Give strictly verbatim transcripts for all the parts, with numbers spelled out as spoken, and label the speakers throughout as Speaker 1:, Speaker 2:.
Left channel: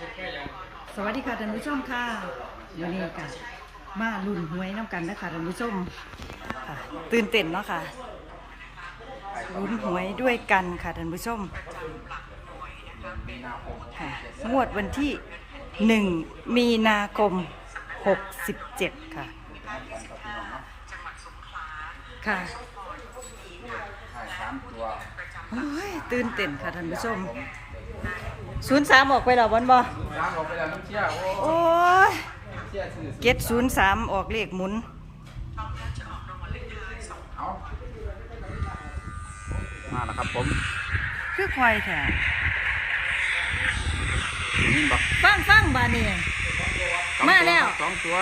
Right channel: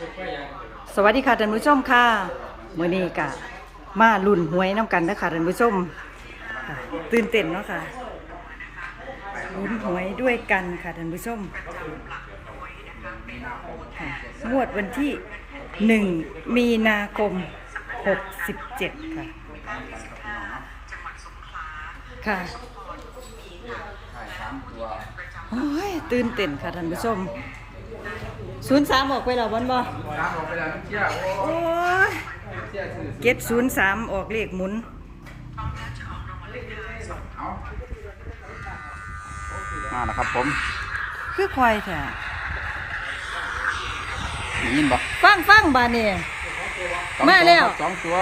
Speaker 1: สวัสดีค่ะท่านผู้ชมค่ะมื้อนี้ก็มาลุ้นหวยน้ำกันนะคะท่านผู้ชมค่ะตื่นเต้นเนาะค่ะลุ้นหวยด้วยกันค่ะท่านผู้ชมค่ะงวดวันที่หนึ่งมีนาคมหกสิบเจ็ดค่ะค่ะโอ้ยตื่นเต้นค่ะท่านผู้ชมศูนย์สามออกไปแล้ววันบ่โอ้ยเจ็ดศูนย์สามออกเลขหมุน
Speaker 2: มานะครับผม
Speaker 1: คือควายแท้
Speaker 2: ยินบ่
Speaker 1: ฟังฟังบานี่มาแล้ว
Speaker 2: สองตัว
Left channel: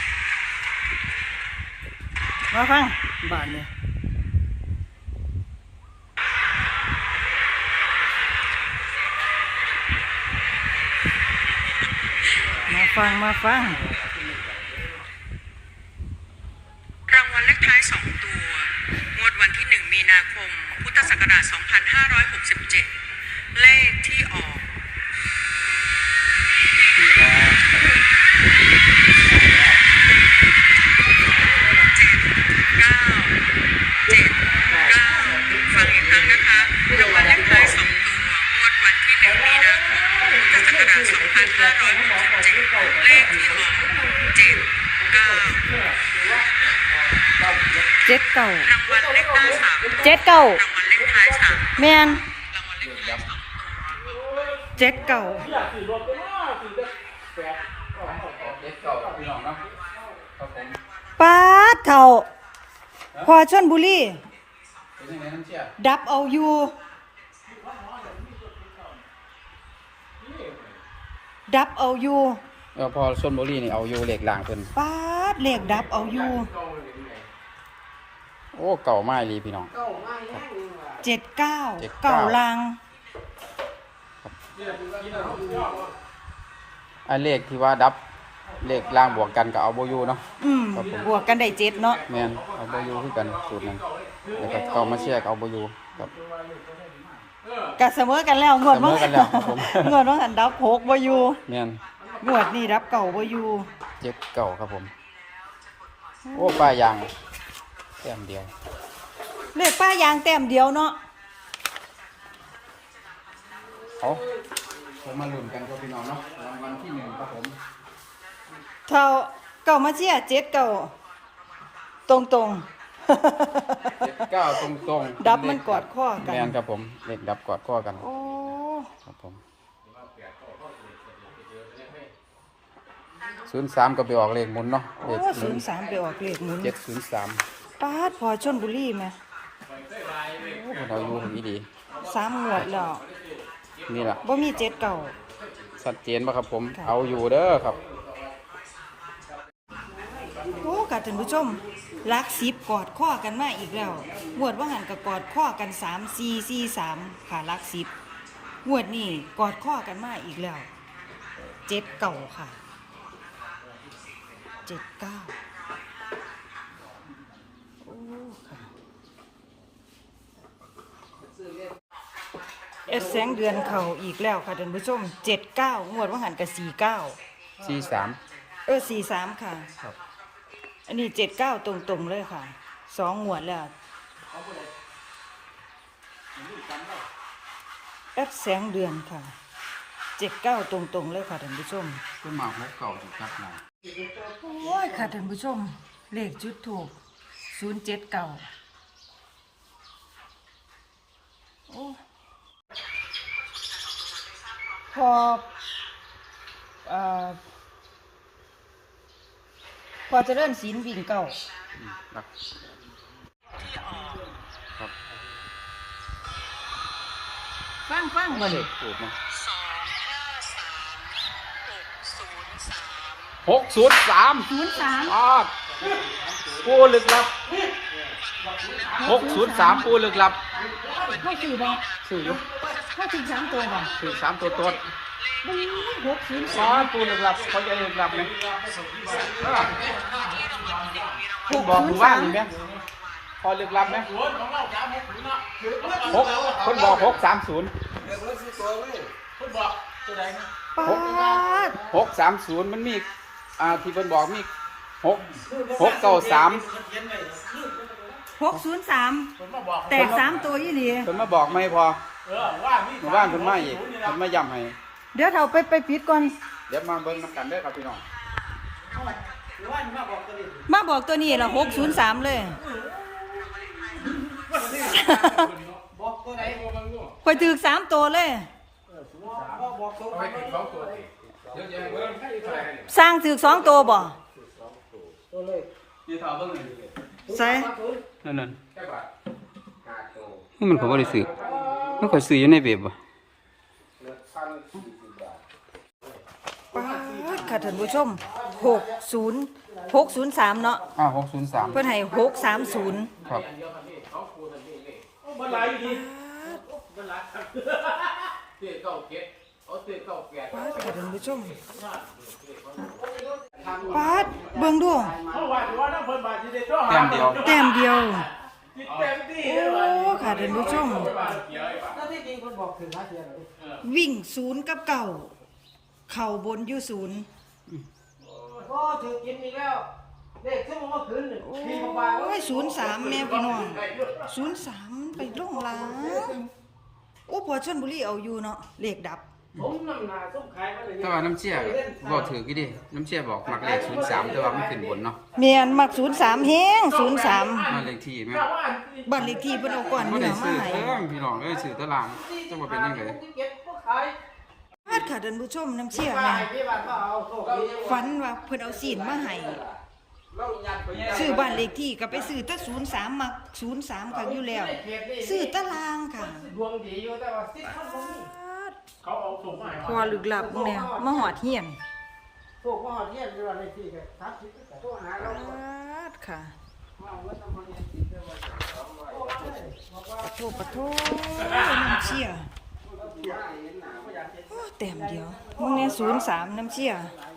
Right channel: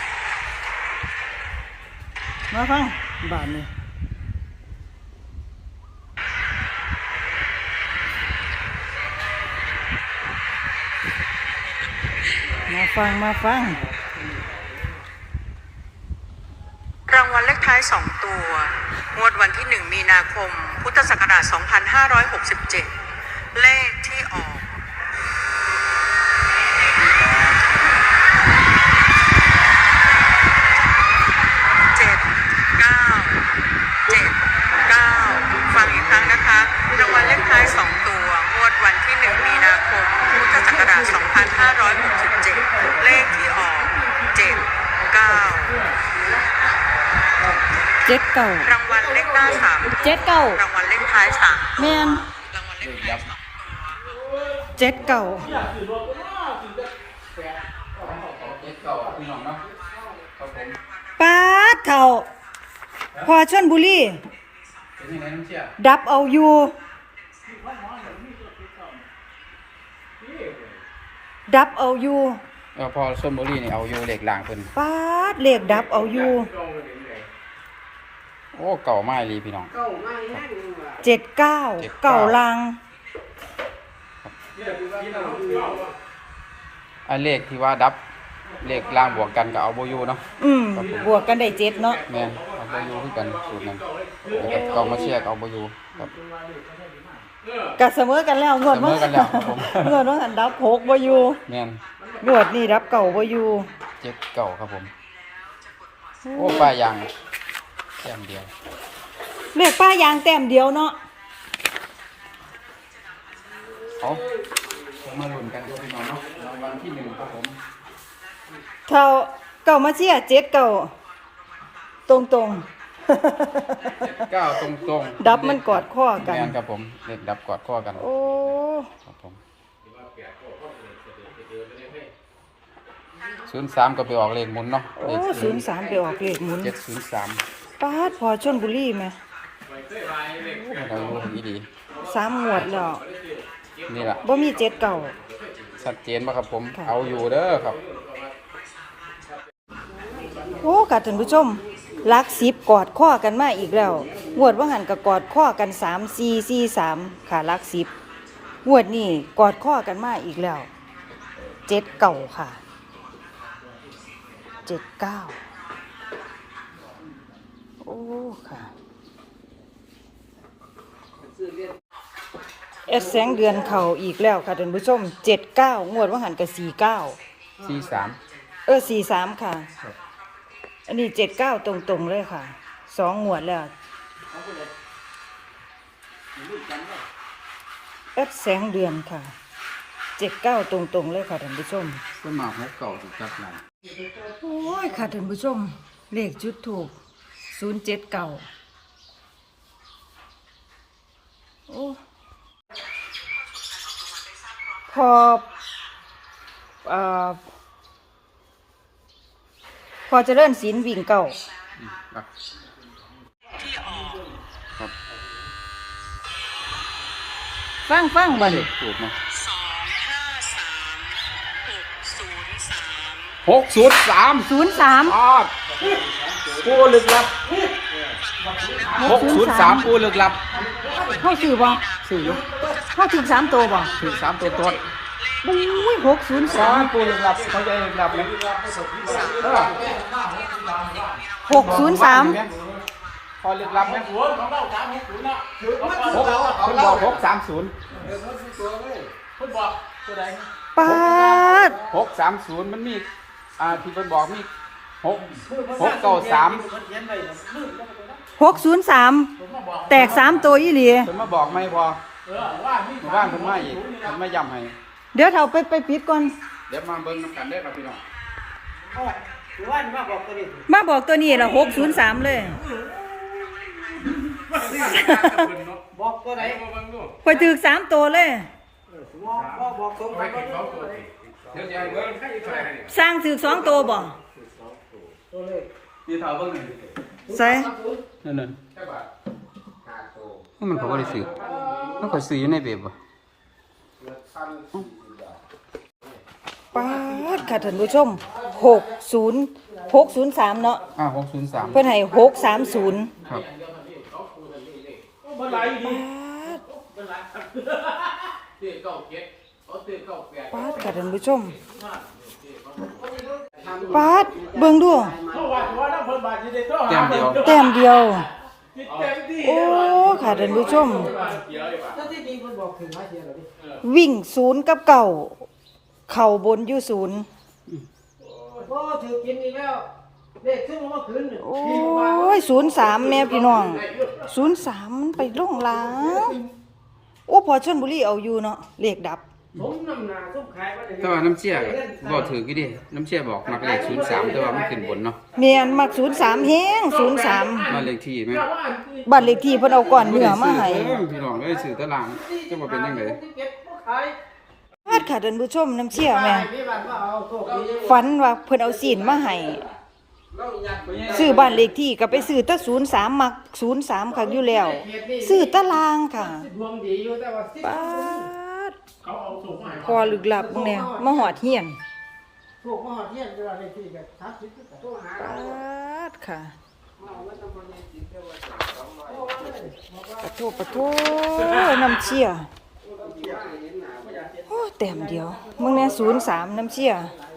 Speaker 1: มาฟังบานี่มาฟังมาฟัง
Speaker 3: รางวัลเลขท้ายสองตัวงวดวันที่หนึ่งมีนาคมพุทธศักราชสองพันห้าร้อยหกสิบเจ็ดเลขที่ออกเจ็ดเก้าเจ็ดเก้าฟังอีกครั้งนะคะรางวัลเลขท้ายสองตัวงวดวันที่หนึ่งมีนาคมพุทธศักราชสองพันห้าร้อยหกสิบเจ็ดเลขที่ออกเจ็ดเก้า
Speaker 1: เจ็ดเก้าร
Speaker 3: างวัลเลขหน้าสาม
Speaker 1: เจ็ดเก้าร
Speaker 3: างวัลเลขท้ายสาม
Speaker 1: แมนเจ็ดเก้าป้าเท่าพอชลบุรีดับเอาอยู่ดับเอาอยู่
Speaker 2: แล้วพอชลบุรีนี่เอาอยู่เหล็กหลางคน
Speaker 1: ป้าเหล็กดับเอาอยู่
Speaker 2: โอ้เก่ามากเลยพี่น้อง
Speaker 1: เจ็ดเก้าเก่าลาง
Speaker 2: ไอ้เลขที่ว่าดับเลขล่างบวกกันกับเอาโบยูเนาะ
Speaker 1: อืมบวกกันได้เจ็ดเนาะ
Speaker 2: แม่นเอาโบยูที่กันสูตรนั้นแล้วก็มาเชียร์เอาโบยูกับ
Speaker 1: ก็เสมอกันแล้วงวดว่างวดว่าหันดับหกบ่อยู่
Speaker 2: แม่น
Speaker 1: งวดนี่รับเก่าบ่อยู่
Speaker 2: เจ็ดเก่าครับผมโอ้ป้ายางแต้มเดียว
Speaker 1: เลขป้ายางแต้มเดียวเนาะ
Speaker 2: เอามาลุ้นกันพี่น้องเนาะรางวัลที่หนึ่งครับผม
Speaker 1: เท่าเก่ามาเชียร์เจ็ดเก่าตรงตรง
Speaker 2: เก้าตรงตรง
Speaker 1: ดับมันกอดข้อกัน
Speaker 2: ครับผมเลขดับกอดข้อกัน
Speaker 1: โอ้
Speaker 2: ครับผมศูนย์สามก็ไปออกเลขหมุนเนาะ
Speaker 1: โอ้ศูนย์สามไปออกเลขหมุน
Speaker 2: เจ็ดศูนย์สาม
Speaker 1: ป้าดพอชลบุรีไหม
Speaker 2: ดีดี
Speaker 1: สามหมวดแล้ว
Speaker 2: นี่แหละ
Speaker 1: บ่มีเจ็ดเก่า
Speaker 2: ชัดเจนป่ะครับผมเอาอยู่เด้อครับ
Speaker 1: โอ้ค่ะท่านผู้ชมลักสิบกอดข้อกันมาอีกแล้วงวดว่าหันกับกอดข้อกันสามสี่สี่สามค่ะลักสิบงวดนี่กอดข้อกันมาอีกแล้วเจ็ดเก่าค่ะเจ็ดเก้าโอ้ค่ะเอสแสงเดือนเข่าอีกแล้วค่ะท่านผู้ชมเจ็ดเก้างวดว่าหันกับสี่เก้า
Speaker 2: สี่สาม
Speaker 1: เออสี่สามค่ะอันนี้เจ็ดเก้าตรงๆเลยค่ะสองงวดแล้วเอสแสงเดือนค่ะเจ็ดเก้าตรงๆเลยค่ะท่านผู้ชม
Speaker 2: ต้นหมากหกเก่าถูกจัดไหน
Speaker 1: โอ้ยค่ะท่านผู้ชมเลขจุดถูกศูนย์เจ็ดเก้าโอ้พอเอ่อพอจะเริ่มศีลวิ่งเก่าฟังฟังบ่นี่
Speaker 2: หกศูนย์สาม
Speaker 1: ศูนย์สาม
Speaker 2: ปูลึกลับหกศูนย์สามปูลึกลับ
Speaker 1: เข้าสื่อบ่
Speaker 2: สื่ออยู่
Speaker 1: เข้าถึงสามตัวบ่
Speaker 2: ถึงสามตัวตัว
Speaker 1: บุ้ยหกศูนย์สาม
Speaker 2: ปูลึกลับเขาใจลึกลับ
Speaker 1: หกศูนย์สาม
Speaker 2: พอลึกลับศูนย์ของเราสามหกศูนย์เนาะหกของเราหกสามศูนย์เด็กมันคือตัวเลยเพิ่นบอกตัวใด
Speaker 1: ป้าด
Speaker 2: หกสามศูนย์มันมีอ่าที่เพิ่นบอกมีหกหกเก้าสาม
Speaker 1: หกศูนย์สามแตกสามตัวอีหลี
Speaker 2: เพิ่นมาบอกไม่พอว่างเพิ่นมาอีกเพิ่นมาย้ำให้
Speaker 1: เดี๋ยวเท่าไปไปปิดก่อน
Speaker 2: เดี๋ยวมาเบิ่งกันได้อครับพี่น้อง
Speaker 1: มาบอกตัวนี้ละหกศูนย์สามเลย
Speaker 4: บอกตัวไหน
Speaker 1: คอยถือสามตัวเลย
Speaker 4: บอกบอกตรงไปก็ได้
Speaker 2: เดี๋ยวจะให้เบิ่งให้อีกเท่าไหร่เนี่ย
Speaker 1: สร้างถือสองตัวบ่
Speaker 4: ตัวเลข
Speaker 2: นี่เท่าเบิ่งนี่
Speaker 1: ใส่
Speaker 2: นั่นนั่นนี่มันผมบ่ได้ซื้อมันค่อยซื้ออยู่ในเว็บบ่
Speaker 1: ป๊าดค่ะท่านผู้ชมหกศูนย์หกศูนย์สามเนาะ
Speaker 2: อ่าหกศูนย์สาม
Speaker 1: เพิ่นให้หกสามศูนย์
Speaker 2: ครับ
Speaker 1: ป๊าดค่ะท่านผู้ชมป๊าดเบิ่งดู
Speaker 2: แต้มเดียว
Speaker 1: แต้มเดียว โอ้ค่ะท่านผู้ชม
Speaker 4: ถ้าที่จริงคนบอกถึงว่าเสียหรอดิ
Speaker 1: วิ่งศูนย์กับเก่าเข่าบนอยู่ศูนย์
Speaker 4: โอ้ถือกินอีกแล้วเลขขึ้นมาเมื่อคืน
Speaker 1: โอ้ยศูนย์สามแน่พี่น้องศูนย์สามมันไปลงหล้างโอ้พอชลบุรีเอาอยู่เนาะเลขดับ
Speaker 4: ผมน้ำหนาซุปขายก็เลย
Speaker 2: แต่ว่าน้ำเชี่ยก็บ่ถือกี่ดิน้ำเชี่ยบอกมักเลขศูนย์สามแต่ว่ามันขึ้นบนเนาะ
Speaker 1: เมียนมักศูนย์สามแฮงศูนย์สาม
Speaker 2: บ้านเลขที่ไหม
Speaker 1: บ้านเลขที่เพิ่นเอาก่อนเนื้อมาให้
Speaker 2: เออพี่น้องเอ้ยซื้อตารางจะมาเป็นยังไง
Speaker 4: เก็บก็ขาย
Speaker 1: พาดค่ะท่านผู้ชมน้ำเชี่ยแม่
Speaker 4: พี่บ้านก็เอาโชคดี
Speaker 1: ฝันว่าเพิ่นเอาศีลมาให้ซื้อบ้านเลขที่ก็ไปซื้อแตะศูนย์สามมักศูนย์สามค่ะอยู่แล้วซื้อตารางค่ะ
Speaker 4: ดวงดีอยู่แต่ว่าสิ
Speaker 1: ป๊าด
Speaker 4: เขาเอาส่งมาให้
Speaker 1: พอลึกลับมึงเนี่ยมาหอดเฮียน
Speaker 4: โชคมาหอดเที่ยงด้วยเลขที่แบบสามสิบก็แต่ต้องหา
Speaker 1: ป๊าดค่ะปะโทปะโทน้ำเชี่ยโอ้แต้มเดียวมึงเนี่ยศูนย์สามน้ำเชี่ย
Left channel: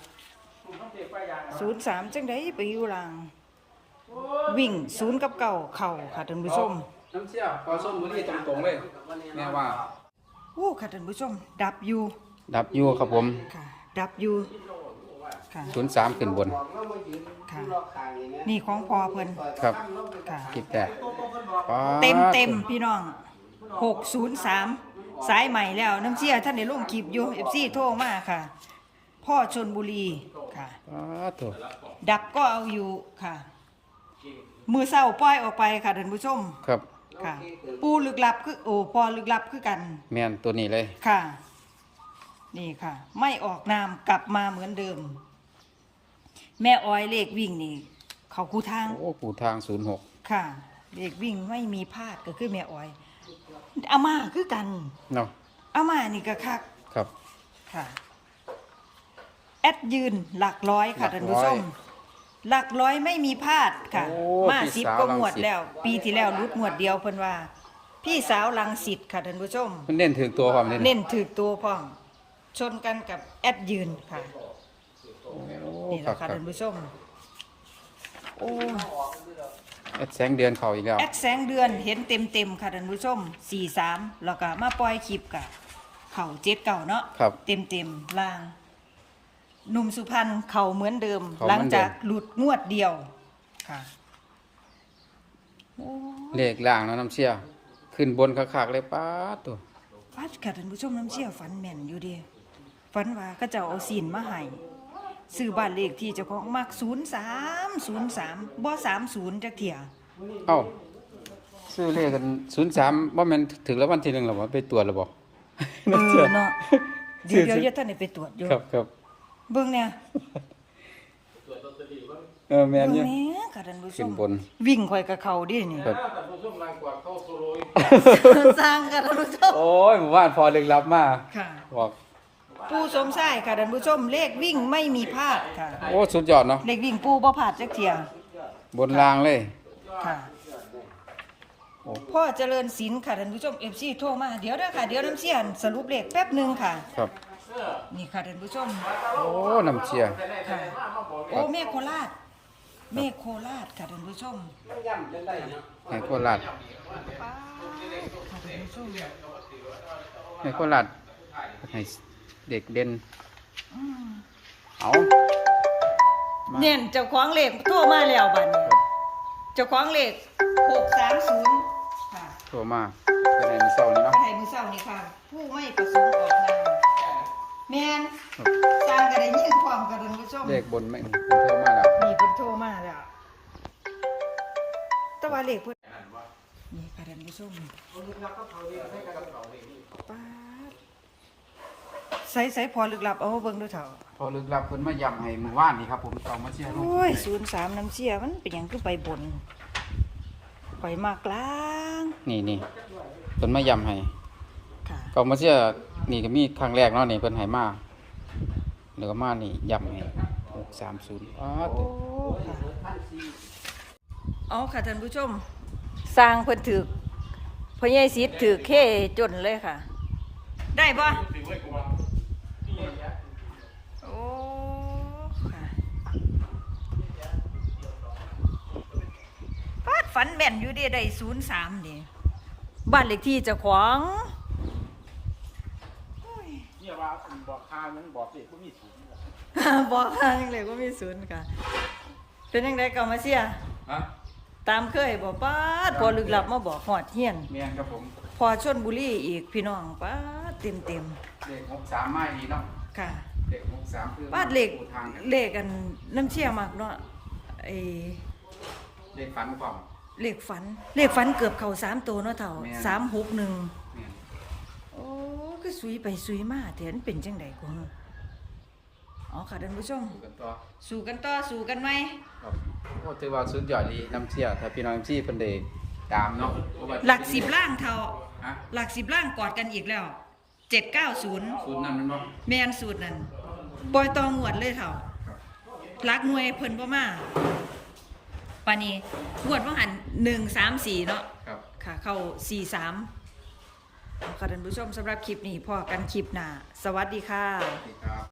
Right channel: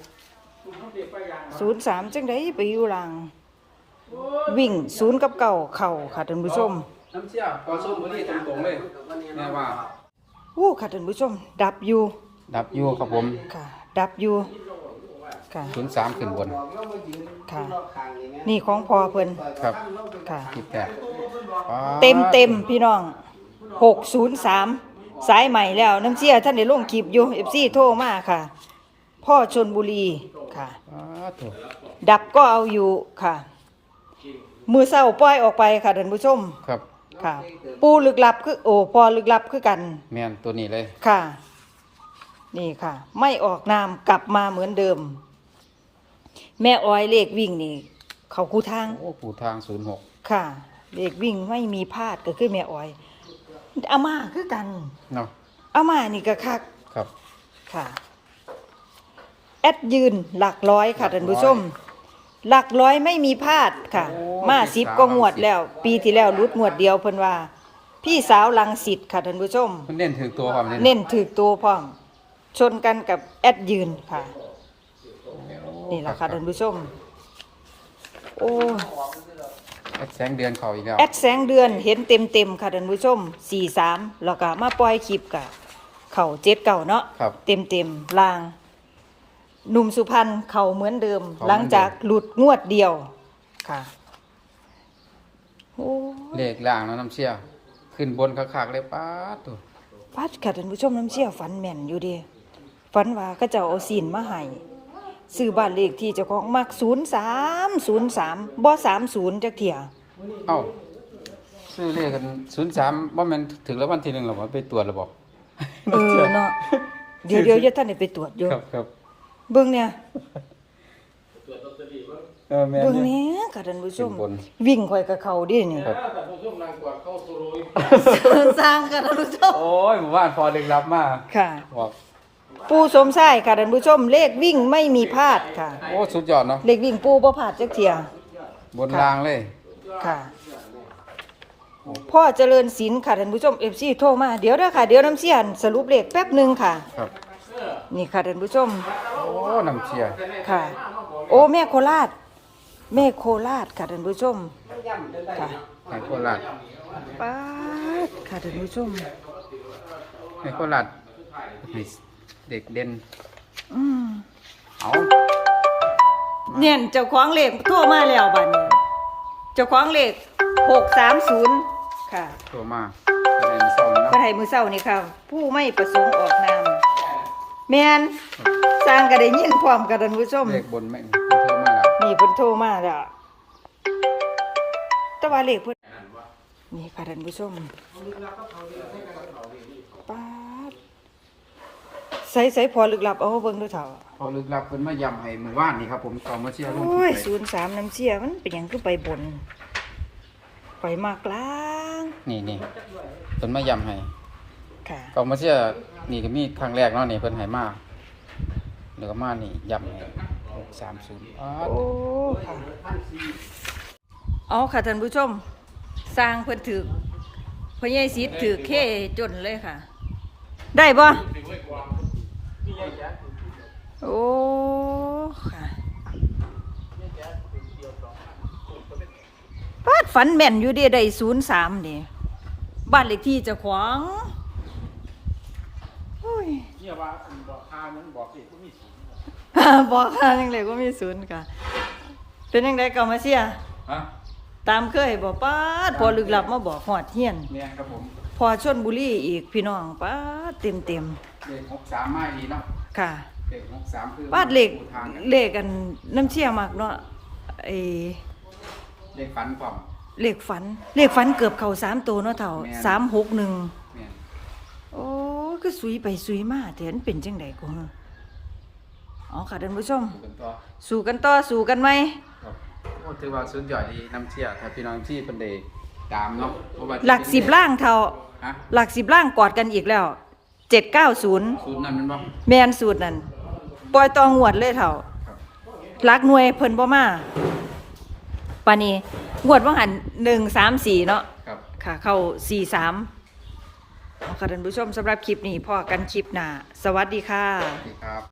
Speaker 1: ศูนย์สามจังไดไปอยู่หลังวิ่งศูนย์กับเก่าเข่าค่ะท่านผู้ชม
Speaker 2: น้ำเชี่ยพอส้มบุรีตรงๆเลยแม่ว่า
Speaker 1: โอ้ค่ะท่านผู้ชม ดับอยู่
Speaker 2: ดับอยู่ครับผม
Speaker 1: ค่ะ ดับอยู่ค่ะ
Speaker 2: ศูนย์สามขึ้นบน
Speaker 1: ค่ะ นี่ของพอเพิ่น
Speaker 2: ครับ
Speaker 1: ค่ะ
Speaker 2: คิดแต่
Speaker 1: เต็มเต็มพี่น้องหกศูนย์สามสายใหม่แล้วน้ำเชี่ยท่านได้ลงคลิปอยู่เอฟซีโทรมาค่ะ พ่อชนบุรีค่ะ
Speaker 2: อ้าถูก
Speaker 1: ดับก็เอาอยู่ค่ะ มือเศร้าปล่อยออกไปค่ะท่านผู้ชม
Speaker 2: ครับ
Speaker 1: ค่ะ ปูลึกลับคือโอ้พอลึกลับคือกัน
Speaker 2: แม่นตัวนี้เลย
Speaker 1: ค่ะ นี่ค่ะ ไม่ออกนามกลับมาเหมือนเดิม แม่อ้อยเลขวิ่งนี่ เขาคูทาง
Speaker 2: โอ้ปู่ทางศูนย์หก
Speaker 1: ค่ะ เลขวิ่งไม่มีพลาดก็คือแม่อ้อยอาม่าคือกัน
Speaker 2: เนาะ
Speaker 1: อาม่านี่ก็คัก
Speaker 2: ครับ
Speaker 1: ค่ะ แอดยืนหลักร้อยค่ะท่านผู้ชม หลักร้อยไม่มีพลาดค่ะ มาสิบก็งวดแล้ว ปีที่แล้วรุดงวดเดียวเพิ่นว่า พี่สาวลังสิตค่ะท่านผู้ชม
Speaker 2: มันเน้นถึงตัวความ
Speaker 1: เน้นถือตัวพร้อม ชนกันกับแอดยืนค่ะ นี่แหละค่ะท่านผู้ชม โอ้
Speaker 2: แอดแสงเดือนเขาอีกแล้ว
Speaker 1: แอดแสงเดือนเห็นเต็มเต็มๆค่ะท่านผู้ชมสี่สามแล้วก็มาปล่อยคลิปกับเข่าเจ็ดเก่าเนาะ
Speaker 2: ครับ
Speaker 1: เต็มเต็มๆลางหนุ่มสุพรรณเข่าเหมือนเดิม หลังจากหลุดงวดเดียวค่ะโอ้
Speaker 2: เลขล่างแล้วน้ำเชี่ยขึ้นบนคักๆเลยป้าดตัว
Speaker 1: พัดค่ะท่านผู้ชมน้ำเชี่ยฝันแม่นอยู่เดีฝันว่าก็จะเอาซีนมาให้ซื้อบ้านเลขที่เจ้าของมักศูนย์สามศูนย์สามบ่สามศูนย์จักเถี่ย
Speaker 2: เอ้าซื้อเลขกันศูนย์สามว่ามันถึงแล้ววันที่หนึ่งหรอวะไปตรวจหรือบอก
Speaker 1: เออเนาะเดี๋ยวเดี๋ยวจะท่านได้ไปตรวจอยู่
Speaker 2: ครับครับ
Speaker 1: เบิ่งเนี่ย
Speaker 2: เออแม่น
Speaker 1: เบิ่ง
Speaker 2: อยู่
Speaker 1: แหนี้ค่ะท่านผู้ชม
Speaker 2: ขึ้นบน
Speaker 1: วิ่งข่อยกับเขาดินี่
Speaker 2: ครับ
Speaker 1: สร้างค่ะท่านผู้ชม
Speaker 2: โอ้ยหมู่บ้านพอเลึกลับมาก
Speaker 1: ค่ะ
Speaker 2: บอก
Speaker 1: ปูสมชายค่ะท่านผู้ชม เลขวิ่งไม่มีพลาดค่ะ
Speaker 2: โอ้สุดยอดเนาะ
Speaker 1: เลขวิ่งปูบ่พลาดจักเที่ย
Speaker 2: บนรางเลย
Speaker 1: ค่ะพ่อเจริญศิลป์ค่ะท่านผู้ชม เอฟ ซี โทรมาเดี๋ยวเด้อค่ะเดี๋ยวน้ำเสียนสรุปเลขแป๊บหนึงค่ะ
Speaker 2: ครับ
Speaker 1: นี่ค่ะท่านผู้ชม
Speaker 2: โอ้น้ำเชี่ย
Speaker 1: ค่ะ โอ้แม่โคราช แม่โคราชค่ะท่านผู้ชมค่ะ
Speaker 2: ให้โคราช
Speaker 1: ป๊าดค่ะท่านผู้ชม
Speaker 2: ให้โคราชให้เด็กเด่น
Speaker 1: อืมเนี่ยเจ้าของเลขโทรมาแล้วบัดนี้เจ้าของเลขหกสามศูนย์ค่ะ
Speaker 2: โทรมาเป็นไงมีเศร้าไหม
Speaker 1: ก็ให้มือเศร้านี่ค่ะ ผู้ไม่ประสงค์ออกนามแม่นสร้างก็ได้ยินพร้อมกันท่านผู้ชม
Speaker 2: เลขบนแม่งโทรมาแล้ว
Speaker 1: นี่เพิ่นโทรมาแล้วแต่ว่าเลขเพิ่นนี่ค่ะท่านผู้ชมป๊าดใส่ใส่พอลึกลับเอามาเบิ่งดูเถอะ
Speaker 2: พอลึกลับเพิ่นมาย้ำให้หมู่บ้านนี่ครับผมต่อมาเชียร์ลง
Speaker 1: โอ้ยศูนย์สามน้ำเชี่ยมันเป็นหยังคือไปบน ไปมากลาง
Speaker 2: นี่นี่เพิ่นมาย้ำให้
Speaker 1: ค่ะ
Speaker 2: ต่อมาเชียร์นี่ก็มีครั้งแรกเนาะนี่เพิ่นให้มาเหลือมานี่ย้ำให้หกสามศูนย์
Speaker 1: โอ้ค่ะเอาค่ะท่านผู้ชม สร้างเพิ่นถือพญายศิษย์ถือเข้จนเลยค่ะ ได้บ่โอ้ค่ะปาดฝันแม่นอยู่เดีได้ศูนย์สามนี่บ้านเลขที่เจ้าของโอ้ย
Speaker 4: เนี่ยว่าบอกพามันบอกสิก็มีสิ
Speaker 1: บอกค่ะยังไงก็มีศูนย์ค่ะ เป็นยังไงเก่ามาเสีย
Speaker 2: ฮะ
Speaker 1: ตามเคยบอกป้าดพอลึกลับมาบอกหอดเฮียน
Speaker 2: แม่นครับผม
Speaker 1: พอชนบุรีอีกพี่น้องป้าดเต็มเต็ม
Speaker 2: เลขหกสามมาดีเนาะ
Speaker 1: ๆค่ะ
Speaker 2: เลขหกสามคือ
Speaker 1: ป้าดเหล็ก
Speaker 2: ทางกัน
Speaker 1: เหล็กกันน้ำเชี่ยมากเนาะไอ
Speaker 2: เลขฝันพร้อม
Speaker 1: เหล็กฝันเหล็กฝันเกือบเข่าสามตัวเนาะเท่า
Speaker 2: แม่น
Speaker 1: สามหกหนึ่ง
Speaker 2: แม่น
Speaker 1: โอ้คือสุยไปสุยมาแต่มันเป็นจังไดก็ฮะอ๋อค่ะท่านผู้ชม
Speaker 2: ดูกันต่อ
Speaker 1: สู้กันต่อสู้กันไหม
Speaker 2: ครับก็ถือว่าสุดยอดดีน้ำเชี่ยถ้าพี่น้องที่เพิ่นได้ตามเนาะบ่ว่าจะ
Speaker 1: หลักสิบ
Speaker 2: เป็นเลข
Speaker 1: ล่างเท่า
Speaker 2: ฮะ
Speaker 1: หลักสิบล่างกอดกันอีกแล้วเจ็ดเก้าศูนย์
Speaker 2: ศูนย์นั่นแมันบ่
Speaker 1: แมนสูตรนั่นปล่อยตองหวดเลยเท่า
Speaker 2: ครับ
Speaker 1: หลักหน่วยเพิ่นบ่มาปานนี้งวดว่าหันหนึ่งสามสี่เนาะ
Speaker 2: ครับ
Speaker 1: ค่ะ เข้าสี่สามเอาค่ะท่านผู้ชมสำหรับคลิปนี้พอกันคลิปหน้า สวัสดีค่ะ
Speaker 2: สวัสดีครับ